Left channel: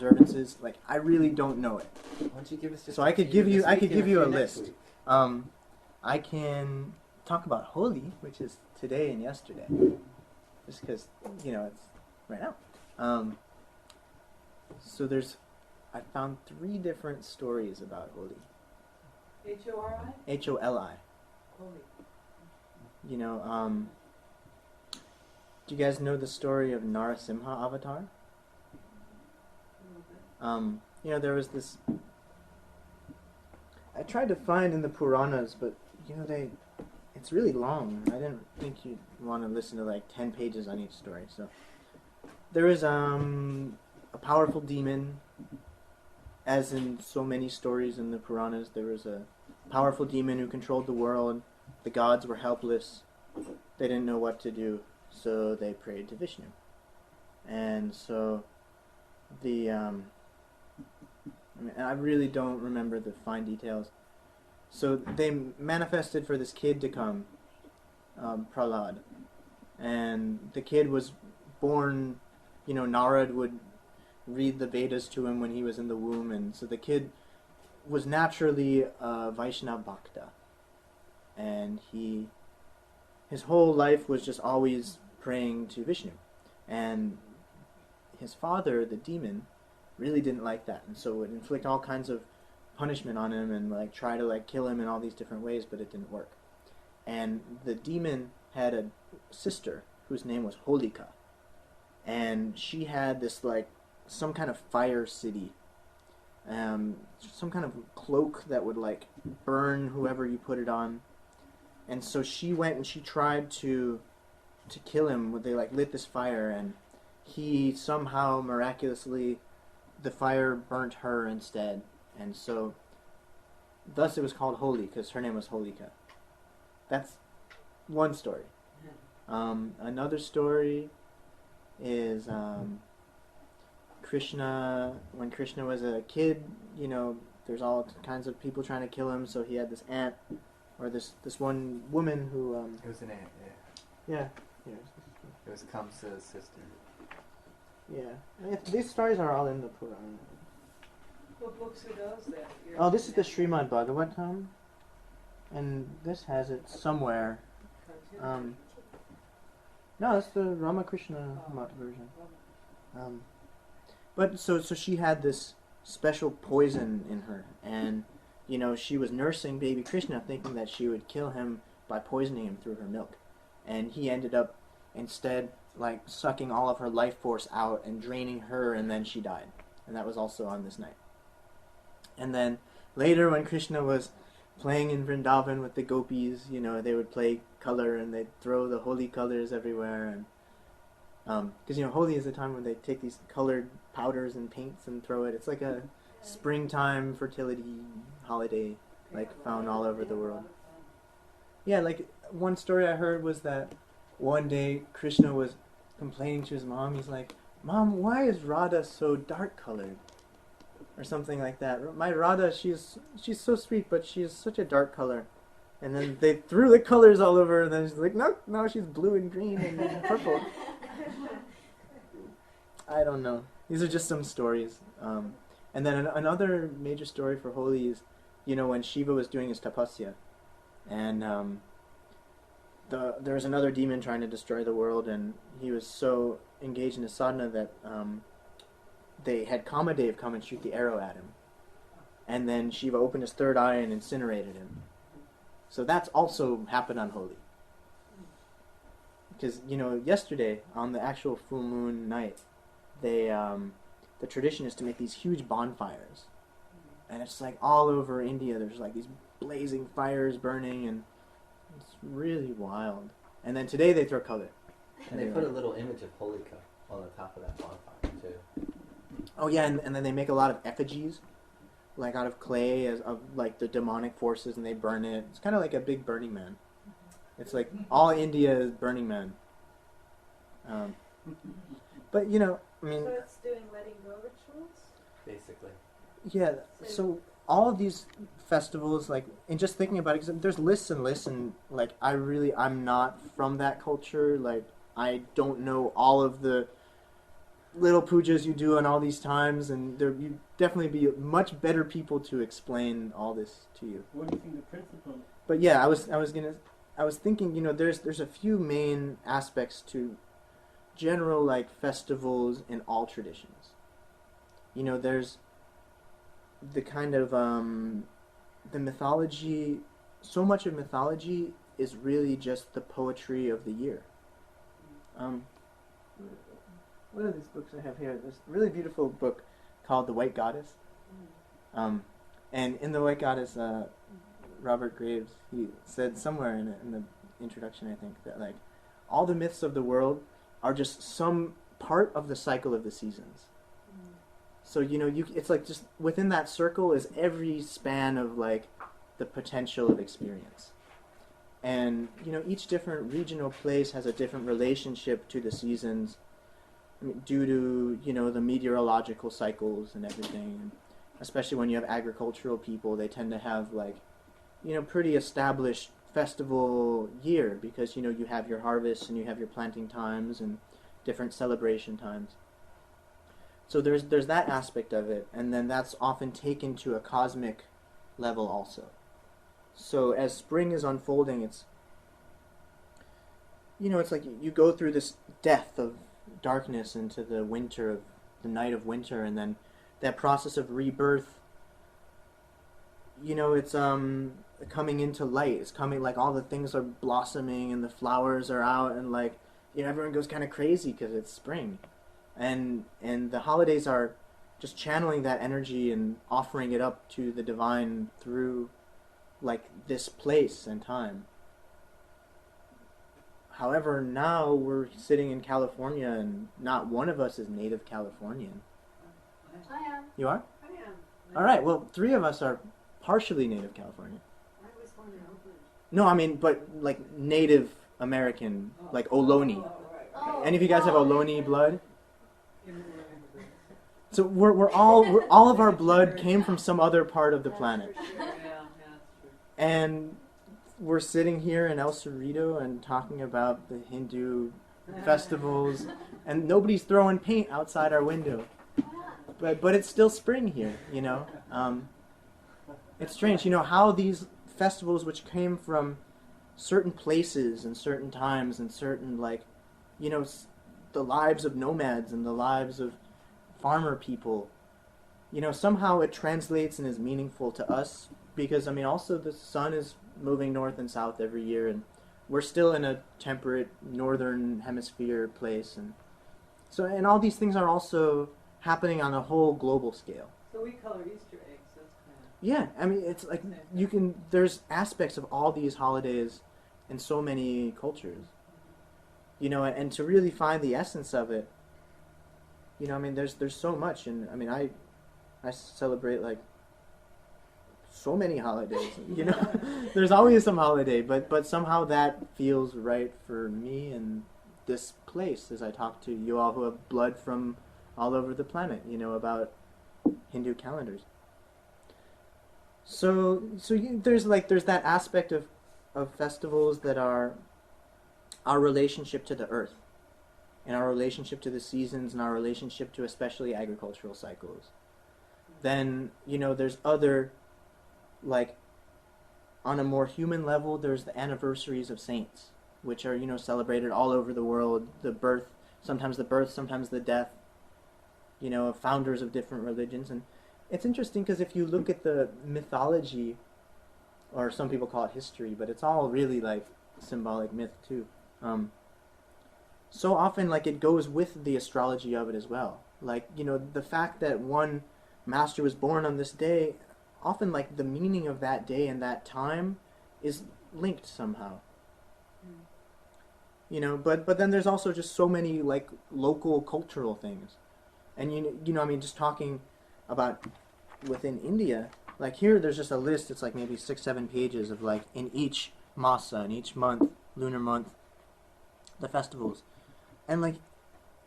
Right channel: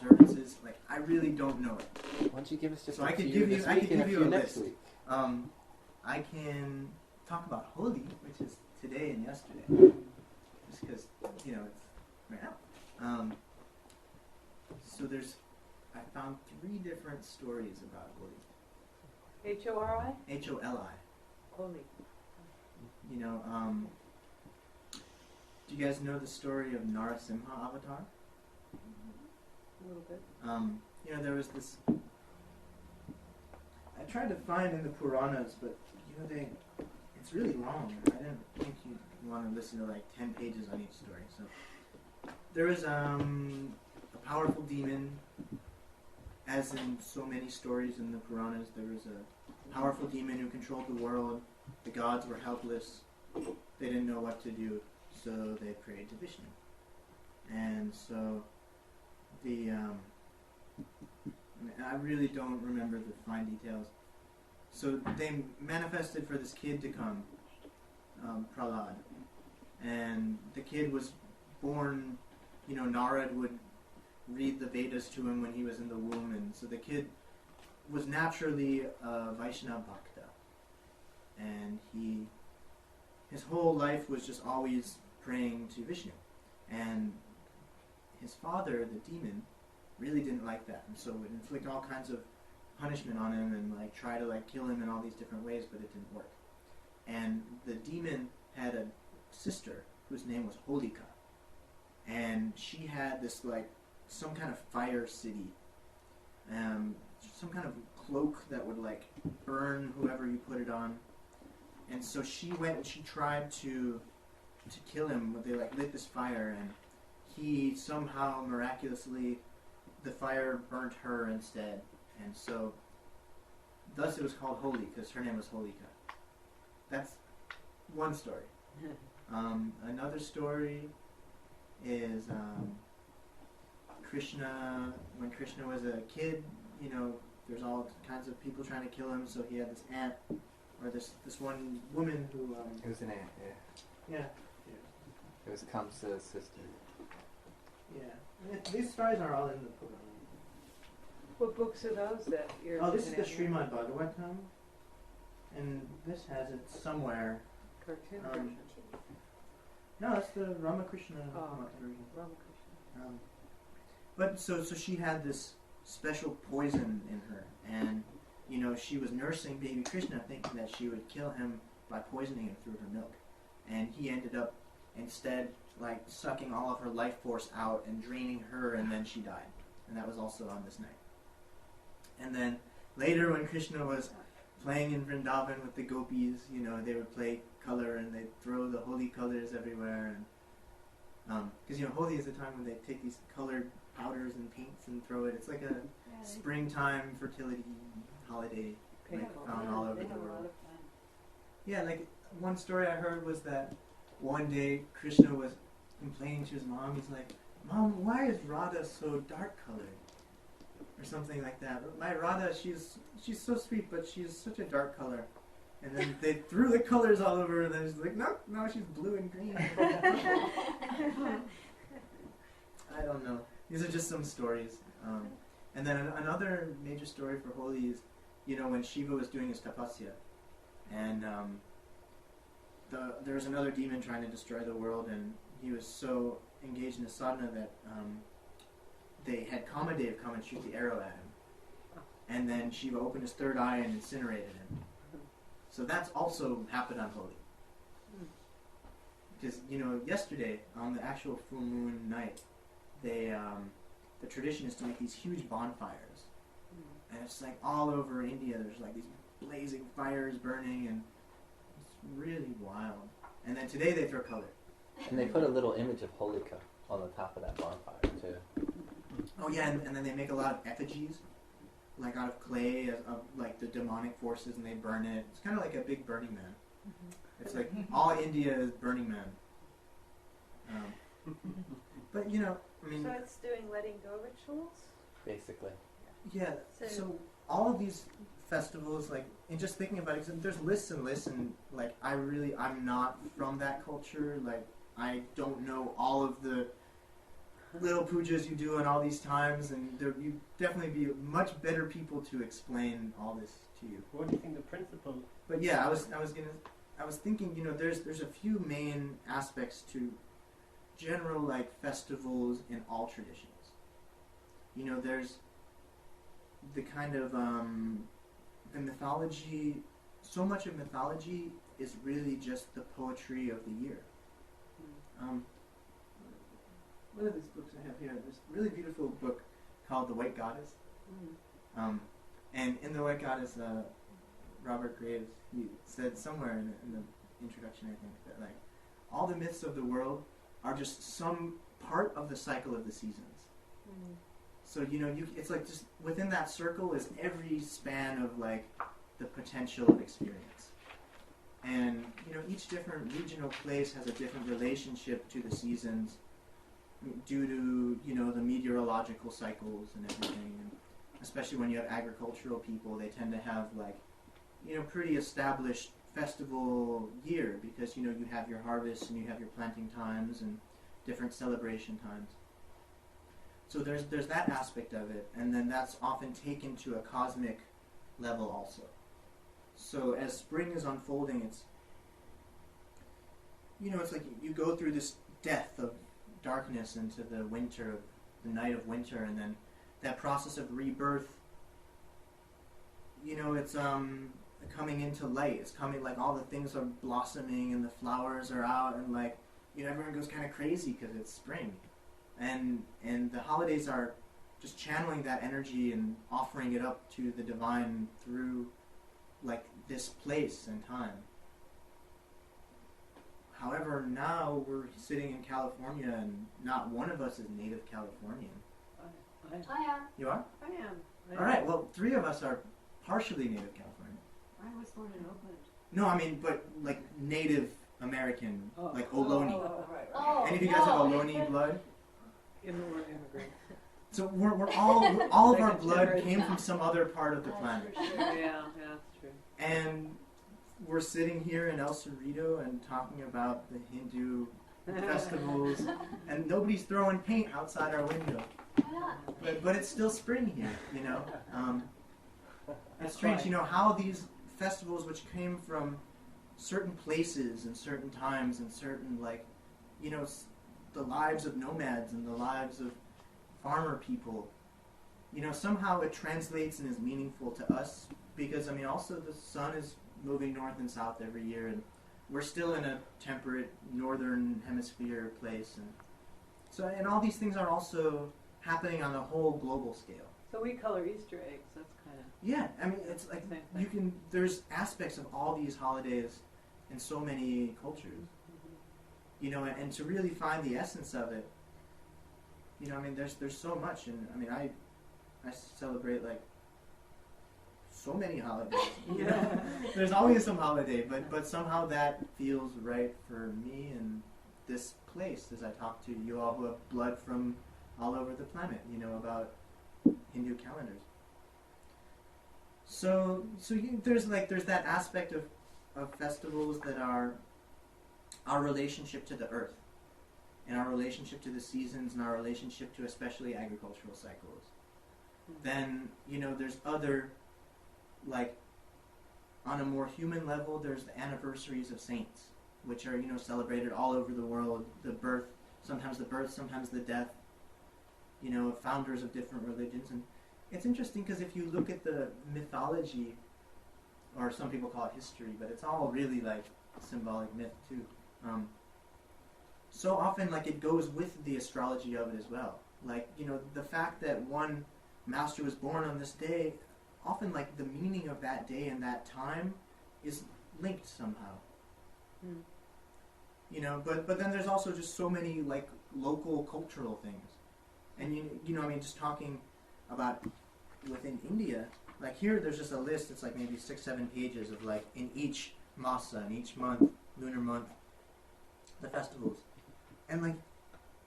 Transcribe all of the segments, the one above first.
observances. Like, I really don't know it. Why don't you give us just So a I could few give you this I week could and give you a few next list. week? I can talk about Holi, which is today and yesterday, just because it's right now. So I found 3 different stories about Holi. H-O-R-I? H-O-L-I. Holy. Do you guys know the story of Narasimha Avatar? A little bit. There was this. I tried to find in the Puranas, but it's really long. I didn't think you'd want to listen to like 10 pages on each story. So there was a powerful demon, as in so many stories in the Puranas. There was a powerful demon who controlled the world. The gods were helpless. They didn't know what to do, so they prayed to Vishnu. And so I really don't remember the fine details. So they manifested for this kid to come, Prahlad. And the kid was born, Narad would read the Vedas to him when he was in the womb. And so the kid was naturally a Vaishnava Bhakta. And his whole life was just always praying to Vishnu. And his father, the demon, really didn't like that, and so would inflict all kinds of punishment on him and try to kill him in all these different ways, but it didn't work. And the demon had a sister whose name was Holika, and she had this some kind of fire city, some kind of cloak that would burn whoever you put it on. And so she went and she tried to kill him. They lit this fire, and he somehow miraculously, the fire burnt her instead. And so thus it was called Holi, because her name was Holika. That's one story. Another story is Krishna. When Krishna was a kid, there's all kinds of people trying to kill him, so he had this aunt, or this one woman who it was an aunt, yeah. It was Kamsa's sister. Yeah. These stories are all in the Purana. What books are those that you're This is the Srimad Bhagavatam, and this has it somewhere. cartoon? No, it's the Ramakrishna version. But so she had this special poison in her, and she was nursing baby Krishna, thinking that she would kill him by poisoning him through her milk, and he ended up instead sucking all of her life force out and draining her, and then she died. And that was also on this night. And then later, when Krishna was playing in Vrindavan with the gopis, they would play color and they'd throw the holy colors everywhere. And because Holi is the time when they take these colored powders and paints and throw it. It's like a springtime fertility holiday, found all over the world. Yeah, one story I heard was that one day Krishna was complaining to his mom. He's like, "Mom, why is Radha so dark colored?" Or something like that. "My Radha, she's so sweet, but she's such a dark color." And then they threw the colors all over her, and then she's like, no, she's blue and green and purple. I don't know. These are just some stories. And then another major story for Holi is, when Shiva was doing his tapasya, and there was another demon trying to destroy the world, and he was so engaged in his sadhana that they had Kamadev come and shoot the arrow at him. And then Shiva opened his third eye and incinerated him. So that's also happened on Holi. Because, yesterday, on the actual full moon night, the tradition is to make these huge bonfires. And it's all over India, there's these blazing fires burning, and it's really wild. And then today they throw color. And they put a little image of Holika on the top of that bonfire, too. Oh yeah, and then they make a lot of effigies, out of clay, of the demonic forces, and they burn it. It's kind of like a big Burning Man. It's all India is Burning Man. But So it's doing letting go rituals? Basically. Yeah, so all of these festivals, and just thinking about it, 'cause there's lists and lists, and I'm not from that culture. I don't know all of the little pujas you do in all these times, and you'd definitely be much better people to explain all this to you. What do you think the principle? But yeah, I was thinking, there's a few main aspects to general like festivals in all traditions. There's the kind of the mythology. So much of mythology is really just the poetry of the year. What are these books I have here? There's a really beautiful book called The White Goddess. And in The White Goddess, Robert Graves, he said somewhere in the introduction, I think, that like all the myths of the world are just some part of the cycle of the seasons. So it's like just within that circle is every span of like the potential of experience. And each different regional place has a different relationship to the seasons, due to the meteorological cycles and everything. And especially when you have agricultural people, they tend to have like pretty established festival year, because you have your harvest and you have your planting times and different celebration times. So there's that aspect of it, and then that's often taken to a cosmic level also. So as spring is unfolding, it's it's like you go through this death of darkness into the winter, of the night of winter, and then that process of rebirth, it's coming into light. It's coming, like all the things are blossoming and the flowers are out, and like everyone goes kind of crazy because it's spring, and the holidays are just channeling that energy and offering it up to the divine through like this place and time. However, now we're sitting in California, and not one of us is native Californian. I am. You are? I am. All right. Well, 3 of us are partially native Californian. I was born in Oakland. No, I mean, but like Native American, like Ohlone. Right. Any of you guys have Ohlone blood? Immigrant immigrants. So we're all of our blood came from some other part of the planet, Sure, yeah, that's true. and we're sitting here in El Cerrito and talking about the Hindu festivals, and nobody's throwing paint outside our window. But it's still spring here, It's strange, how these festivals, which came from certain places and certain times and certain, like, the lives of nomads and the lives of farmer people, somehow it translates and is meaningful to us, because, also the sun is moving north and south every year, and we're still in a temperate northern hemisphere place, and all these things are also happening on a whole global scale. So we color Easter eggs. That's kind of. Yeah, it's like there's aspects of all these holidays in so many cultures, and to really find the essence of it, there's so much, and I celebrate like so many holidays, there's always some holiday, but somehow that feels right for me in this place as I talk to you all who have blood from all over the planet, about Hindu calendars. So there's that aspect of festivals that are our relationship to the earth, and our relationship to the seasons, and our relationship to especially agricultural cycles. Then there's other, like, on a more human level, there's the anniversaries of saints, which are celebrated all over the world. Sometimes the death, of founders of different religions. And it's interesting because if you look at the mythology, or some people call it history, but it's all really like symbolic myth too. So often, like, it goes with the astrology of it as well. Like, the fact that one master was born on this day, often like the meaning of that day and that time is linked somehow. But then there's also just so many like local cultural things. And just talking about within India, like here there's just a list, it's like maybe 6-7 pages of like in each masa, in each month, lunar month, the festivals. And like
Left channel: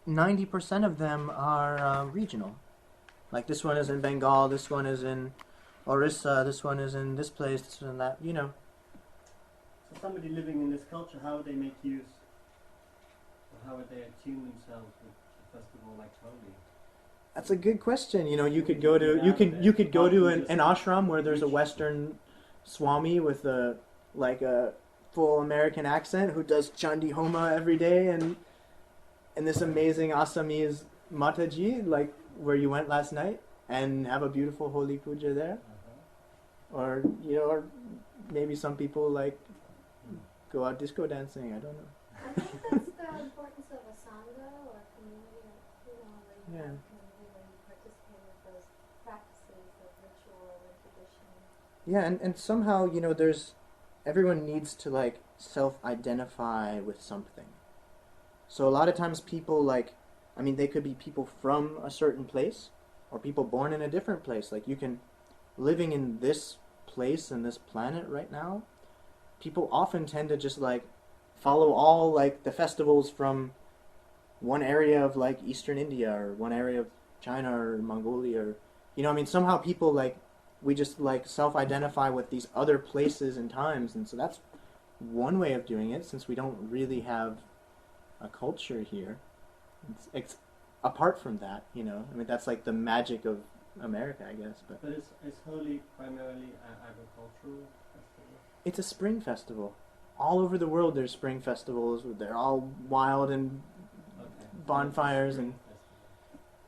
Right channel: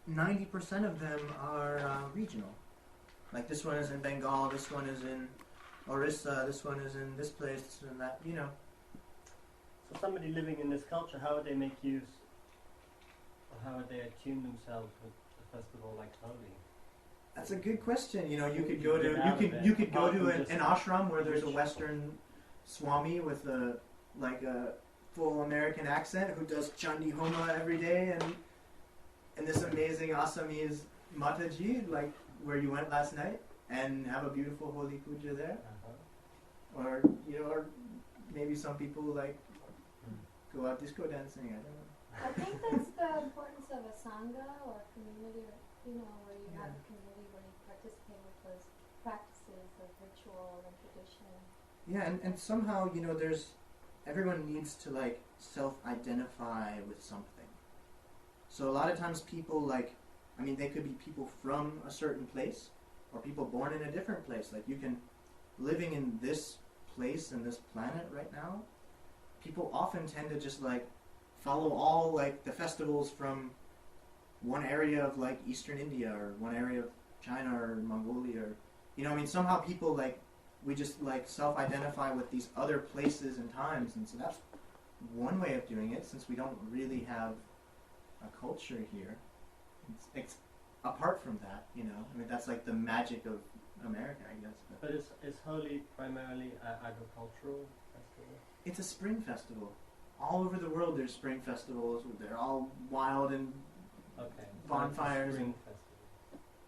90% of them are regional. Like this one is in Bengal, this one is in Orissa, this one is in this place, this one in that, So somebody living in this culture, how would they make use, or how would they attune themselves with the festival like Holi? That's a good question. You know, you could go to Get you out could of you it. could go Apart to from an just ashram where there's a ritual. Western Swami with a full American accent who does Chandi Homa every day, and this amazing Assamese Mataji, like where you went last night, and have a beautiful Holi puja there. Or or maybe some people like go out disco dancing. I don't know. I think that's the importance of a sangha or community, or, where you have a community where you participate with those practices of ritual and tradition. Yeah, and somehow there's everyone needs to like self-identify with something. So a lot of times people they could be people from a certain place or people born in a different place. Like you can living in this place and this planet right now, people often tend to just like follow all like the festivals from one area of like Eastern India or one area of China or Mongolia or somehow people like we just like self-identify with these other places and times, and so that's one way of doing it since we don't really have a culture here. It's apart from that, that's like the magic of America, I guess. But is Holi primarily agricultural festival? it's a spring festival. All over the world there's spring festivals. They're all wild and bonfires and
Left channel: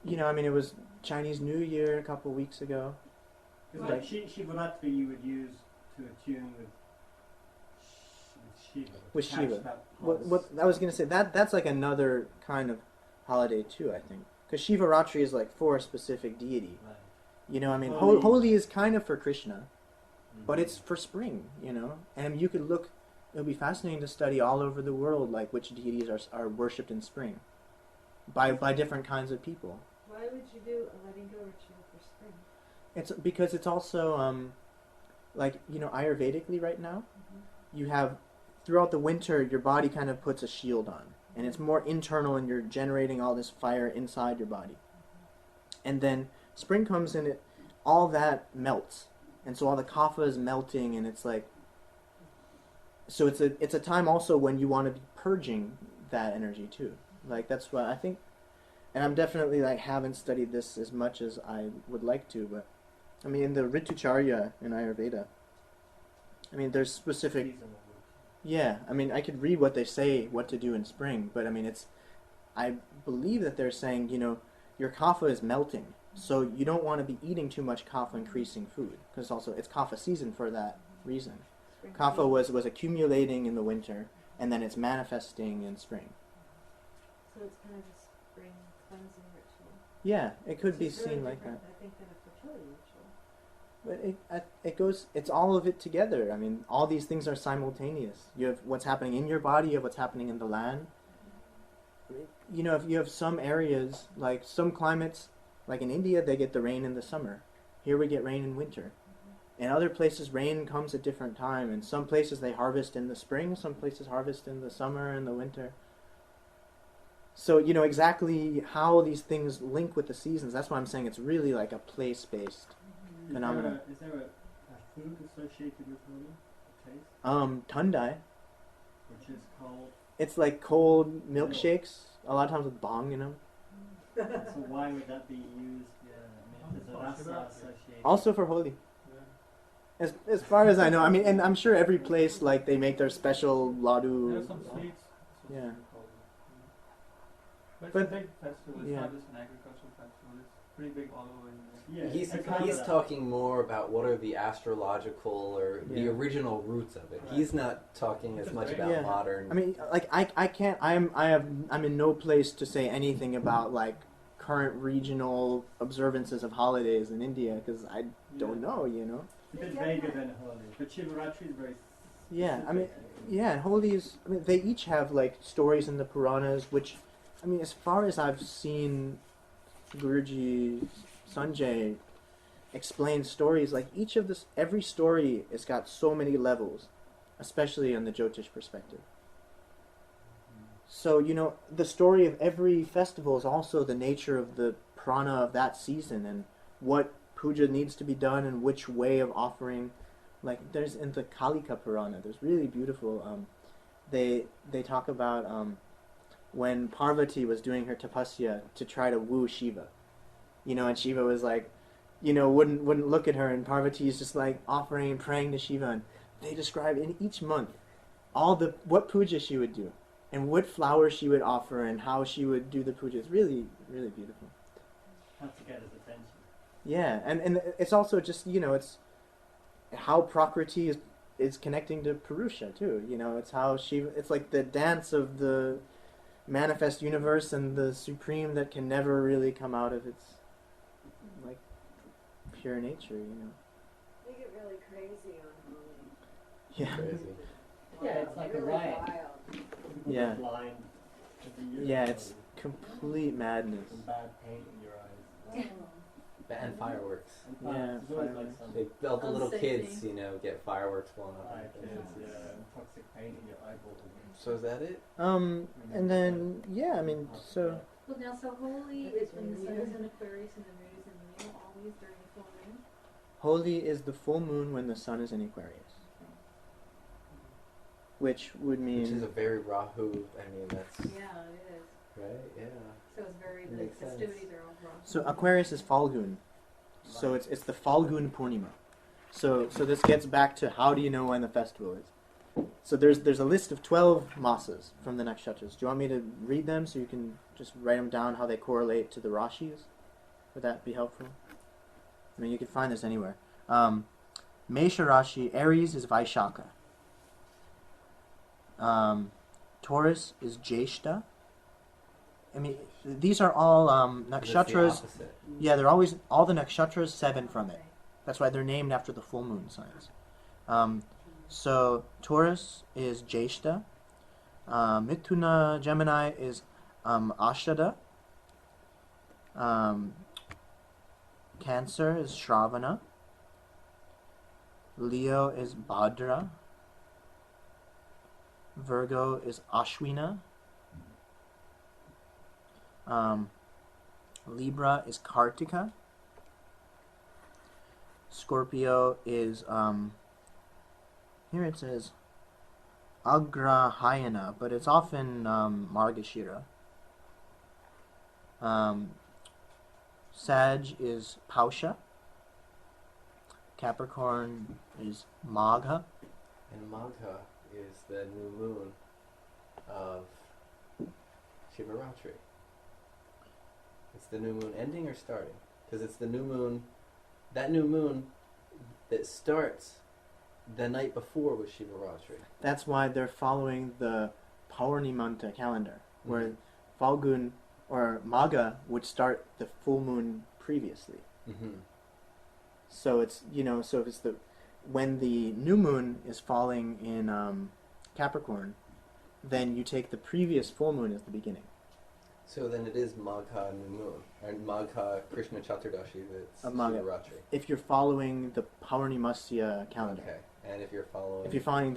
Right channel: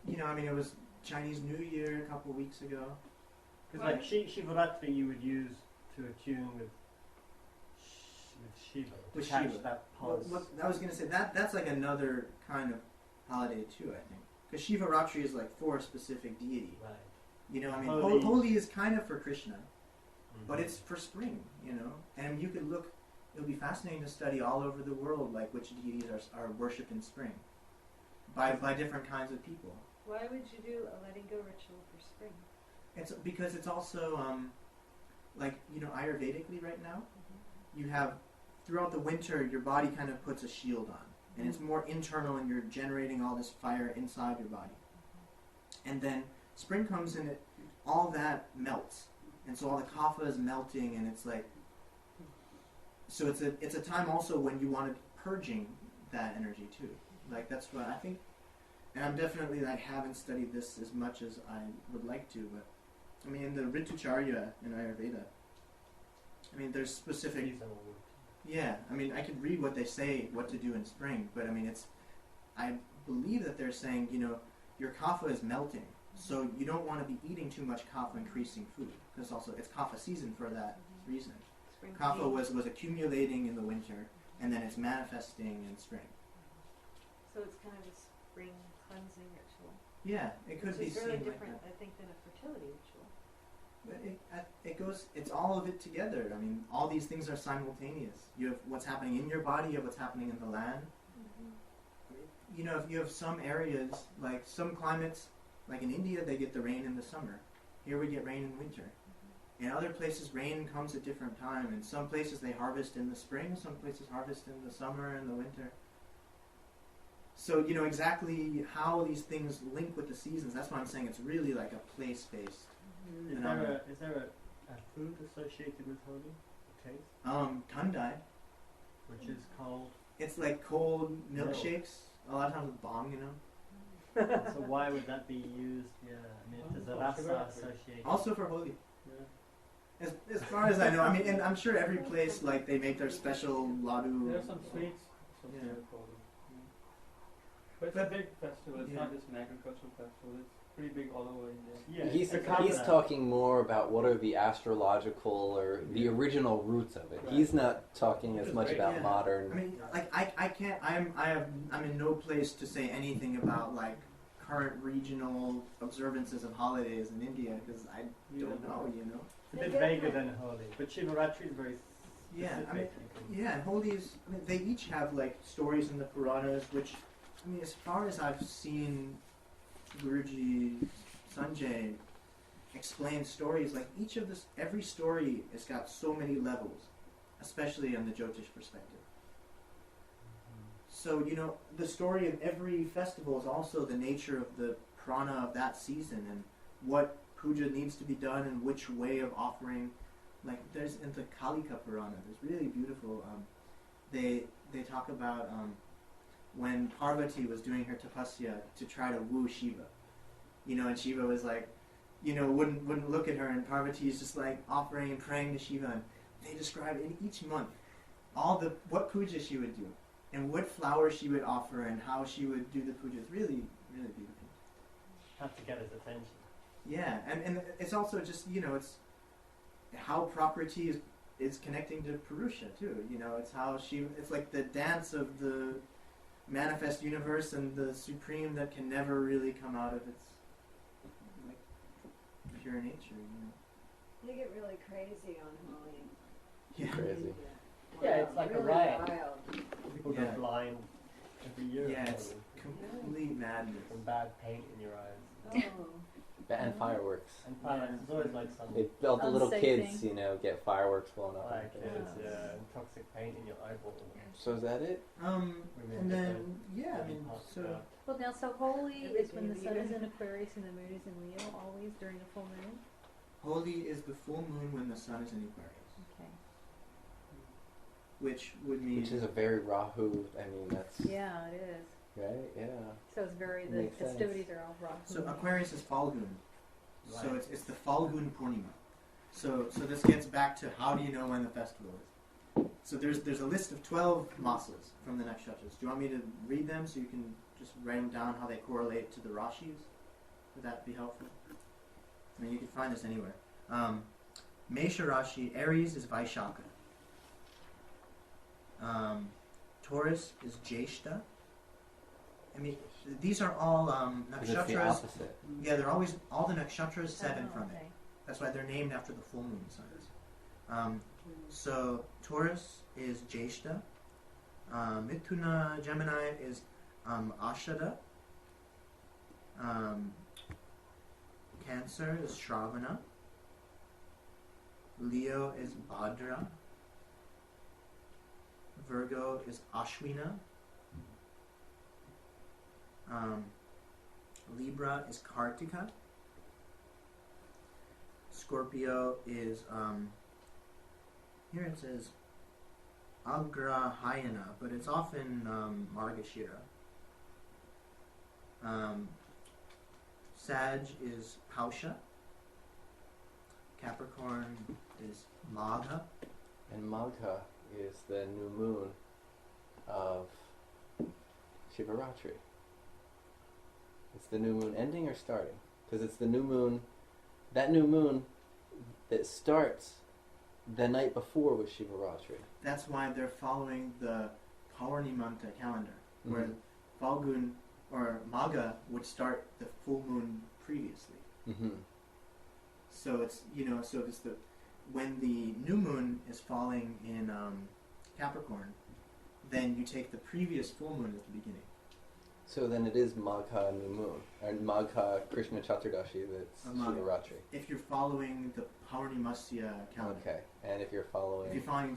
it was Chinese New Year a couple weeks ago. Because like Shivaratri you would use to attune with Shiva. With to catch Shiva. That What I was gonna say that's like another kind of holiday too, I think, because Shivaratri is like for a specific deity. Right. Holi is kind of for Krishna, but it's for spring, and you could look. It'll be fascinating to study all over the world, like which deities are worshipped in spring, by different kinds of people. Why would you do a letting go ritual for spring? It's because it's also Ayurvedically right now, you have throughout the winter your body kind of puts a shield on, and it's more internal, and you're generating all this fire inside your body, and then spring comes and all that melts, and so all the kapha is melting, and it's like. So it's a time also when you want to be purging that energy too. Like that's what I think, and I'm definitely like haven't studied this as much as I would like to, but in the Ritucharya in Ayurveda, there's specific. Seasonal work. Yeah, I could read what they say what to do in spring, but I believe that they're saying your kapha is melting, so you don't want to be eating too much kapha increasing food because also it's kapha season for that reason. Kapha was accumulating in the winter, and then it's manifesting in spring. So it's kind of a spring cleansing ritual. Yeah, it could be It's really seen like different, that. I think, than a fertility ritual. But it goes. It's all of it together. All these things are simultaneous. You have what's happening in your body. You have what's happening in the land. If you have some areas, like some climates, like in India, they get the rain in the summer. Here we get rain in winter. In other places, rain comes at different time. In some places, they harvest in the spring. Some places harvest in the summer and the winter. So, exactly how these things link with the seasons. That's why I'm saying it's really like a place-based phenomenon. Is there a food associated with Holi? A taste? Tundai. Which is called... It's like cold milkshakes, a lot of times with bong in them. So why would that be used? Is the rasa associated? Also for Holi. Yeah. As far as I know, and I'm sure every place like they make their special ladu. There are some sweets Yeah. associated with all of them. But it's a big festival. It's Yeah. not just an agricultural festival. It's pretty big all over India. Yeah, He's I remember he's that. talking more about what are the astrological or the Yeah. original roots of it. Right. He's not talking as Which is much great. about Yeah. modern. I can't. I'm in no place to say anything about like current regional observances of holidays in India because I don't know. It's a bit vaguer than Holi, but Shivaratri is very Yeah, specific. Yeah, Holi is. They each have like stories in the Puranas, which, as far as I've seen, Guruji Sanjay explain stories. Like every story has got so many levels, especially on the Jyotish perspective. So the story of every festival is also the nature of the prana of that season and what puja needs to be done and which way of offering. Like there's in the Kalika Purana, there's really beautiful. They talk about when Parvati was doing her tapasya to try to woo Shiva. And Shiva was like, wouldn't look at her, and Parvati is just like offering and praying to Shiva, and they describe in each month what puja she would do, and what flowers she would offer, and how she would do the puja. It's really, really beautiful. Have to get his attention. Yeah, and it's also just, it's how Prakriti is connecting to Purusha too. It's how it's like the dance of the manifest universe and the supreme that can never really come out of its like pure nature. They get really crazy on Holi. Yeah. Crazy. Yeah, it's like really a riot. wild. People Yeah. get blind every year. Yeah, it's complete madness. Some bad paint in your eyes. And fireworks. And Yeah, there's always like some They all the little Unsafe kids, thing. get fireworks blown up. on bad their kids, faces. yeah, and toxic paint in your eyeballs. So is that it? And then so Well, now, so Holi is when the sun is in Aquarius and the moon is in Leo, always during the full moon? Holi is the full moon when the sun is in Aquarius, Okay. which would mean Which is a very Rahu. I mean, that's Yeah, it is. right. Yeah. So it's very, the Makes sense. festivities are all wrong. so Aquarius is Falgun, so Right. it's the Falgun Purnima. So this gets back to how do you know when the festival is? So there's a list of 12 masas from the nakshatras. Do you want me to read them so you can just write them down how they correlate to the rashis? Would that be helpful? I mean, you can find this anywhere. Mesha Rashi, Aries is Vaishaka. Taurus is Jeshta. I mean, these are all 'Cause it's the nakshatras. opposite. Yeah, they're always all the nakshatras 7 from it. Okay. That's why they're named after the full moon signs. So Taurus is Jeshta. Mithuna Gemini is Ashada. Cancer is Shravana. Leo is Bhadra. Virgo is Ashwina. Libra is Kartika. Scorpio is here it says Agrahayana, but it's often Margashira. Sag is Pausha. Capricorn is Magha. And Magha is the new moon of Shivaratri. It's the new moon ending or starting? Because it's the new moon, that new moon that starts the night before was Shivaratri. That's why they're following the Paurnimanta calendar, where Mhm. Falgun or Magha would start the full moon previously. Mm-hmm. So it's so it's when the new moon is falling in Capricorn, then you take the previous full moon as the beginning. So then it is Magha new moon, and Magha Krishna Chaturdashi that's Magha. Shivaratri. If you're following the Paurnimasya calendar. Okay, and if you're following... If you're following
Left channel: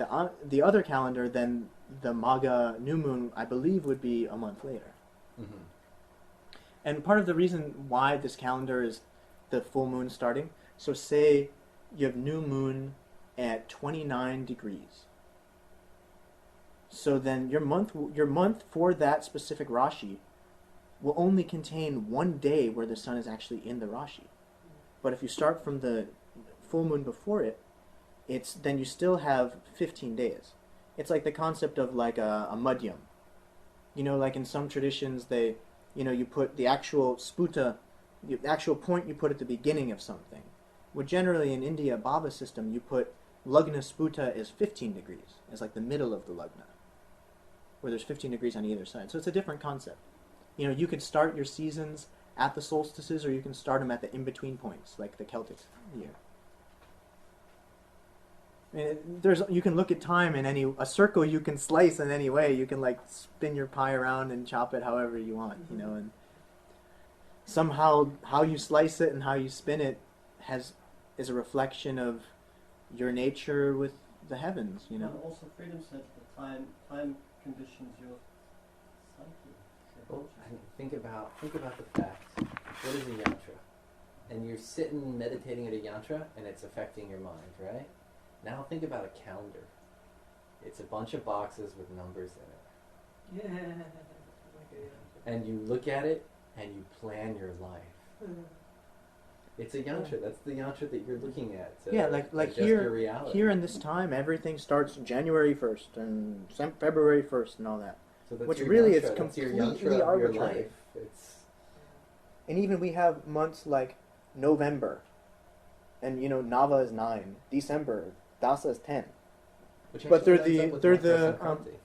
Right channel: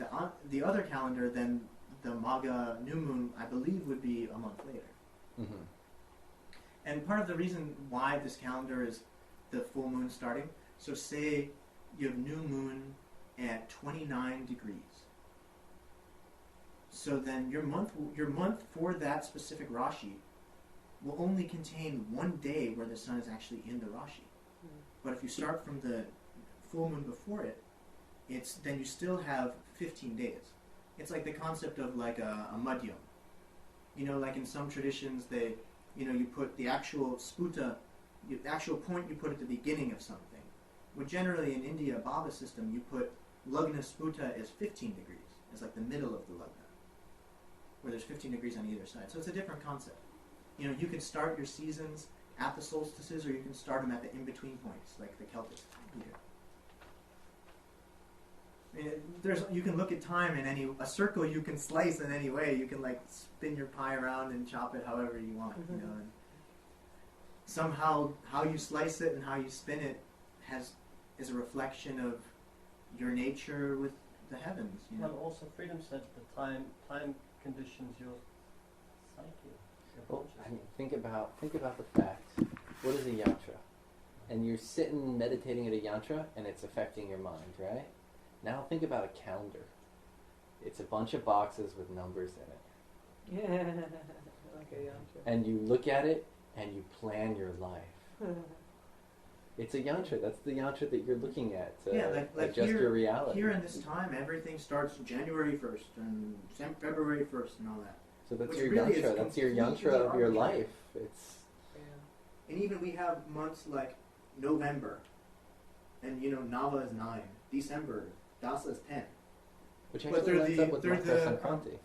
the other calendar, then the Magha new moon, I believe, would be a month later. Mm-hmm. And part of the reason why this calendar is the full moon starting, so say you have new moon at 29 degrees. So then your month for that specific Rashi will only contain one day where the sun is actually in the Rashi. But if you start from the full moon before it, then you still have 15 days. It's like the concept of like a madhyam. Like in some traditions, you put the actual sputa, the actual point you put at the beginning of something. Well, generally in India, Baba system, you put lagna sputa is 15 degrees. It's like the middle of the lagna, where there's 15 degrees on either side. So it's a different concept. You can start your seasons at the solstices, or you can start them at the in-between points, like the Celtic year. You can look at time in a circle you can slice in any way. You can like spin your pie around and chop it however you want, and somehow how you slice it and how you spin it is a reflection of your nature with the heavens, And also freedom said that time conditions your psyche. Well, think about the fact. What is a yantra? And you're sitting meditating at a yantra, and it's affecting your mind, right? Now think about a calendar. It's a bunch of boxes with numbers in it. and you look at it and you plan your life. It's a yantra. That's the yantra that you're looking at to like adjust here, your reality. Here in this time, everything starts January 1st and February 1st and all that. So that's which your really yantra. is That's your completely yantra of your arbitrary. life. It's And even we have months like November, and Nava is 9, December, Dasa is 10. which But actually they're lines the- up with they're Makar the, Sankranti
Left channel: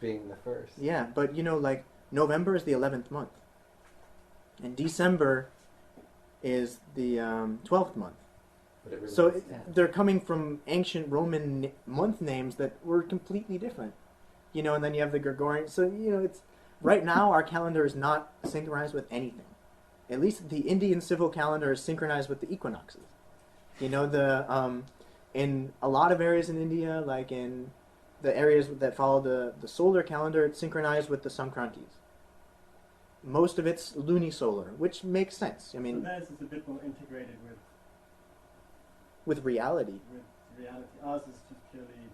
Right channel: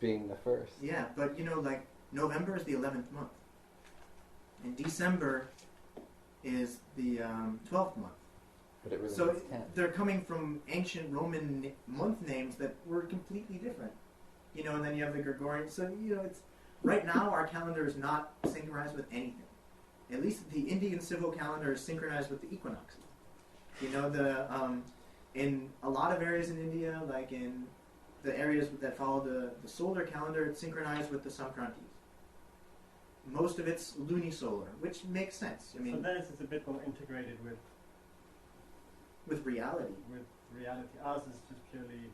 being the first. Yeah, but like November is the 11th month, and December is the 12th month. But it really So is 10. they're coming from ancient Roman month names that were completely different, and then you have the Gregorian. So it's right now our calendar is not synchronized with anything. At least the Indian civil calendar is synchronized with the equinoxes. In a lot of areas in India, like in the areas that follow the solar calendar, it's synchronized with the Sankrantis. Most of it's lunisolar, which makes sense. I So mean, theirs is a bit more integrated with reality. with reality. Ours is just purely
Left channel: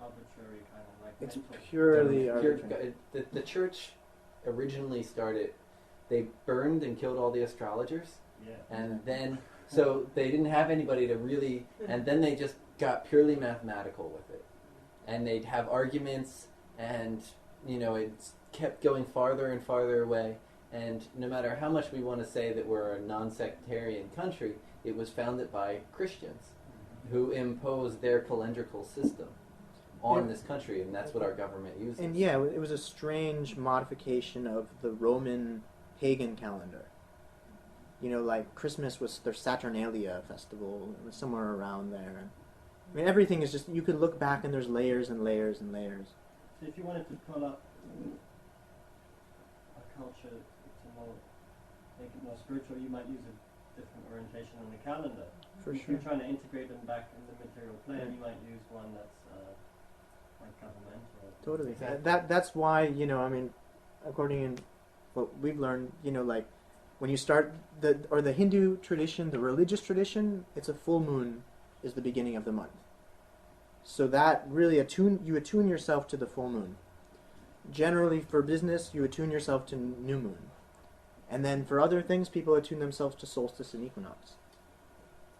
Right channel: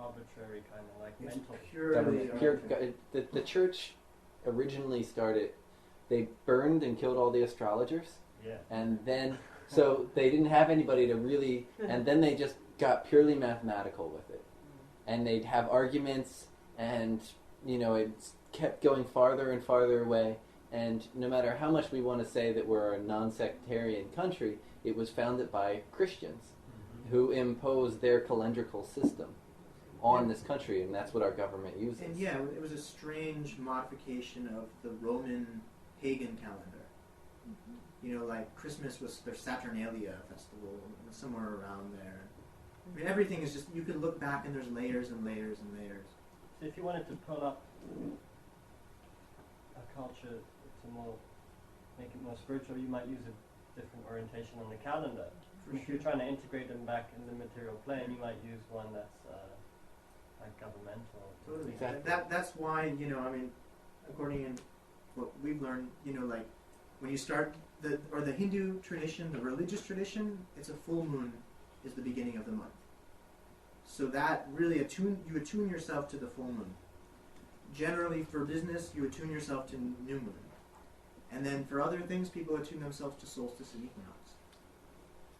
arbitrary, kind of like It's mental. purely Pure- arbitrary. the church originally started, they burned and killed all the astrologers, Yeah. and then so they didn't have anybody to really, and then they just got purely mathematical with it, and they'd have arguments, and it kept going farther and farther away, and no matter how much we want to say that we're a non-sectarian country, it was founded by Christians who imposed their calendrical system on this country, and that's what our government uses. And yeah, it was a strange modification of the Roman pagan calendar. Like Christmas was their Saturnalia festival, it was somewhere around there. I mean, everything is just, you can look back and there's layers and layers and layers. So if you wanted to pull up a culture to make it more spiritual, you might use a different orientation on the calendar. For If sure. you're trying to integrate them back in the material plane, you might use one that's like governmental. Totally. Exactly. That's why, I mean, according in what we've learned, like when you start the Hindu tradition, the religious tradition, it's a full moon is the beginning of the month. So that really you attune yourself to the full moon. Generally for business, you attune yourself to new moon. And then for other things, people attune themselves to solstice and equinox.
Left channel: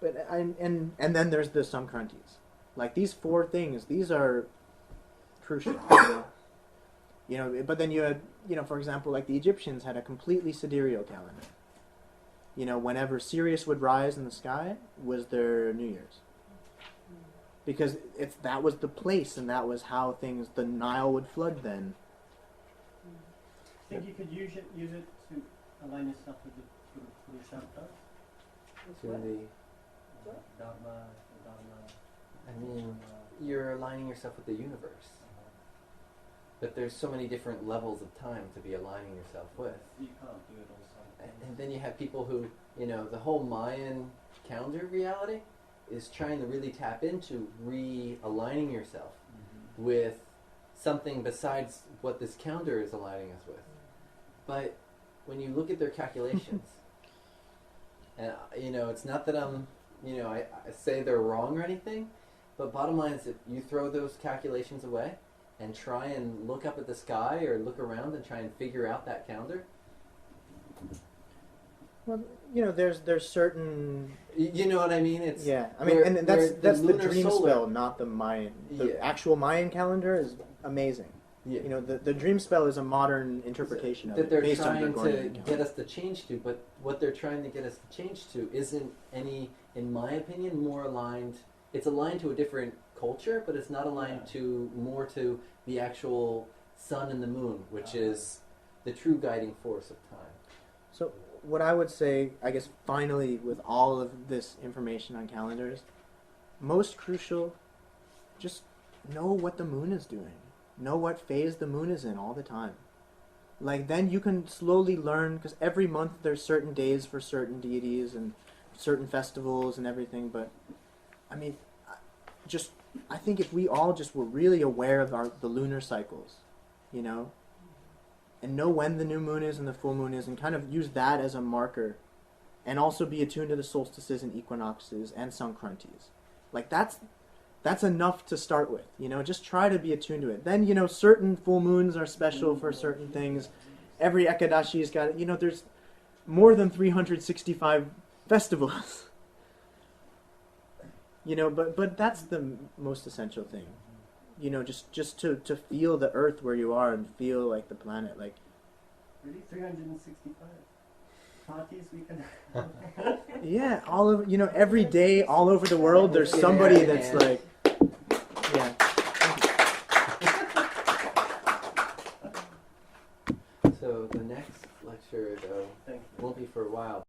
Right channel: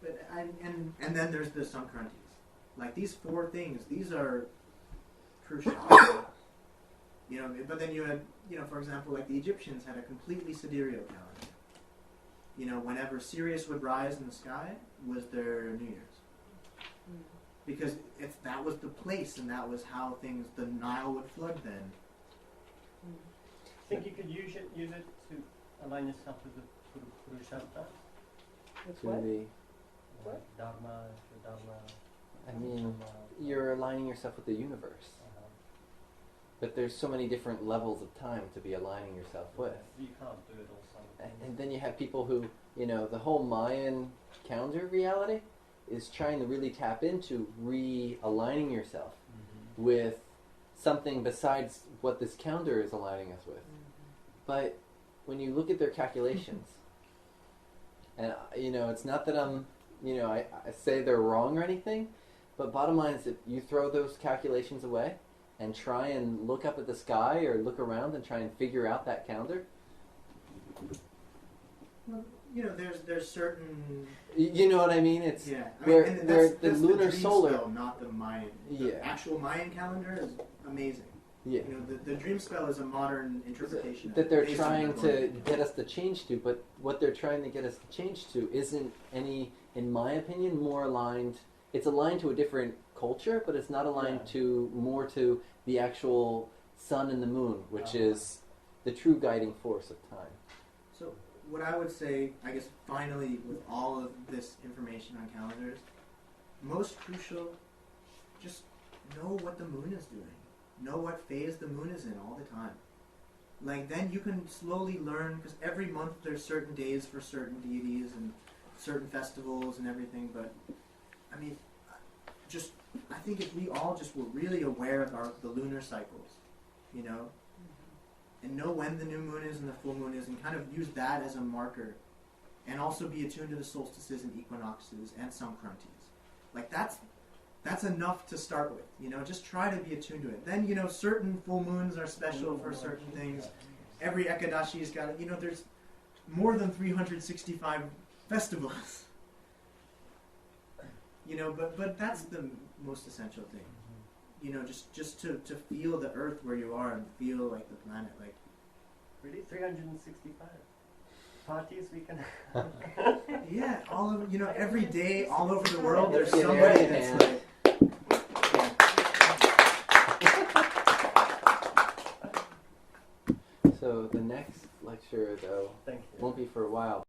But and then there's the Sankrantis. Like these 4 things, these are crucial. But then you had, for example, like the Egyptians had a completely sidereal calendar. Whenever Sirius would rise in the sky was their New Year's. Because that was the place, and that was how the Nile would flood then. Think you could use it to align yourself with the Purusharthas? To the, Dharma. I mean, you're aligning yourself with the universe. But there's so many different levels of time to be aligning yourself with. You can't do it all And then you have people who, the whole Mayan calendar reality is trying to really tap into realigning yourself with something besides what this calendar is aligning us with. But when you look at their calculations, and it's not that I'm, I say they're wrong or anything, but bottom line is if you throw those calculations away and try and look up at the sky or look around and try and figure out that calendar. Well, there's certain. You know what I mean? It's Yeah, I mean, where- and where that's the lunar dream solar- spell, not the Mayan. The Yeah. actual Mayan calendar is amazing. yeah. The dream spell is a modern interpretation of that it, they're based on trying to Gregorian get calendar. us to change to, but what they're trying to get us to change to isn't any, in my opinion, more aligned. It's aligned to a different culture, but it's not aligned to the actual sun and the moon, which is the true guiding force of time. So what I would say, I guess, finally, with all of this information on calendars, most crucial, just know what the moon is doing. Know what phase the moon is in all the time. Like, then you can slowly learn, because every month there's certain days for certain deities and certain festivals and everything, but, I mean, I think if we all just were really aware of the lunar cycles, and know when the new moon is and the full moon is, and kind of use that as a marker, and also be attuned to the solstices and equinoxes and Sankrantis. Like, that's enough to start with, just try to be attuned to it. Then, certain full moons are special for certain things, every Ekadashi's got, there's more than 365 festivals. But that's the most essential thing. Just to feel the earth where you are and feel like the planet, like. Really, 365 parties we can. Yeah, all of every day, all over the world, there's somebody that's like. Yeah. So the next lecture, though, Thank you. won't be for a while.